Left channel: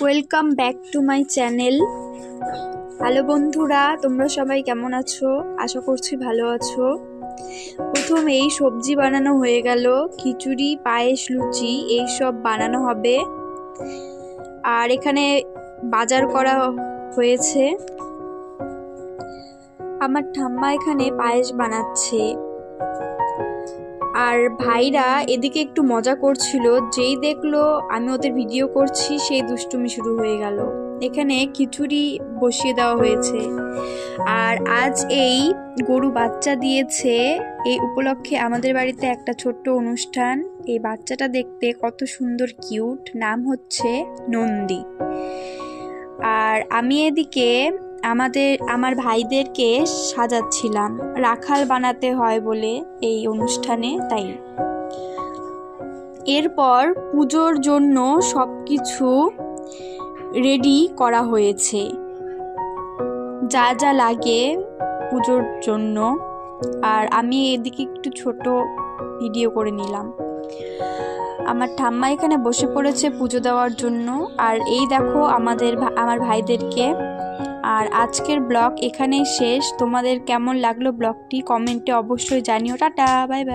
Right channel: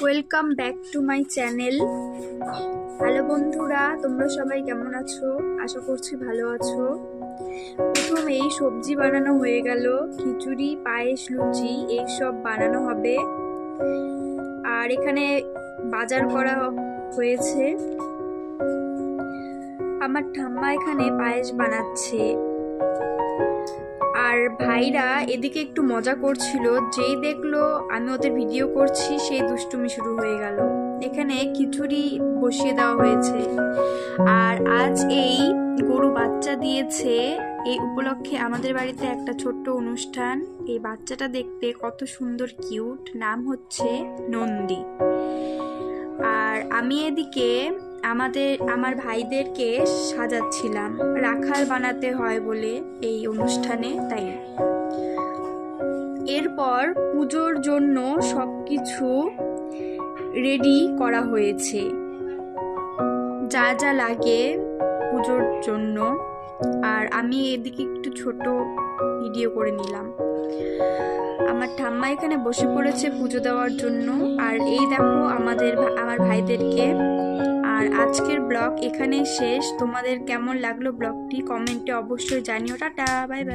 Welcome back to my channel. Hello বন্ধুরা, তোমরা সবাই কেমন আছো? আশা করছি ভালো আছো। প্রথমেই সবজি বানানো হয়ে গেল, খিচুড়ি, পায়েস, লুচি এইসব বানানো হবে। আর এখানে বাজার করা হয়েছে। আমার ঠাম্মা এখানে পায়েস বানাচ্ছে, আর ভাইরা এদিকে একটু মজা করছিল। যেই দেখলো আমি ওদের ভিডিও করছি, সেই দুষ্টুমি শুরু হয়ে গেল। এখানে খিচুড়ি বসিয়ে দেওয়া হয়েছে। আর আজ এই গরু বাচ্চা দিয়েছে, এই উপলক্ষে আমাদের বাড়িতে একটা ছোট্ট অনুষ্ঠান। এই বাচ্চাটা দেখতে কত সুন্দর, কিউট। নাম হচ্ছে নন্দী। আর আমি এদিকে আমার ভাইদেরকে সাজাচ্ছিলাম, রাখাল বানাতে হয় বলে এই অনুষ্ঠানে, তাই। এরপর পুজোর জন্য সবকিছু রেডি করা হয়েছে, যা যা লাগে পুজোর জন্য। আর আমি এদিকে একটু ছোট ভিডিও করে নিলাম। আমার ঠাম্মা এখানে বসে পড়েছে পুজো দেওয়ার জন্য। আর এই দেখো আমার ভাইদেরকে। আর আজকের ব্লগ এখানেই শেষ। তোমাদের কেমন লাগলো ব্লগটি কমেন্টে অবশ্যই জানিও। Tata, bye bye.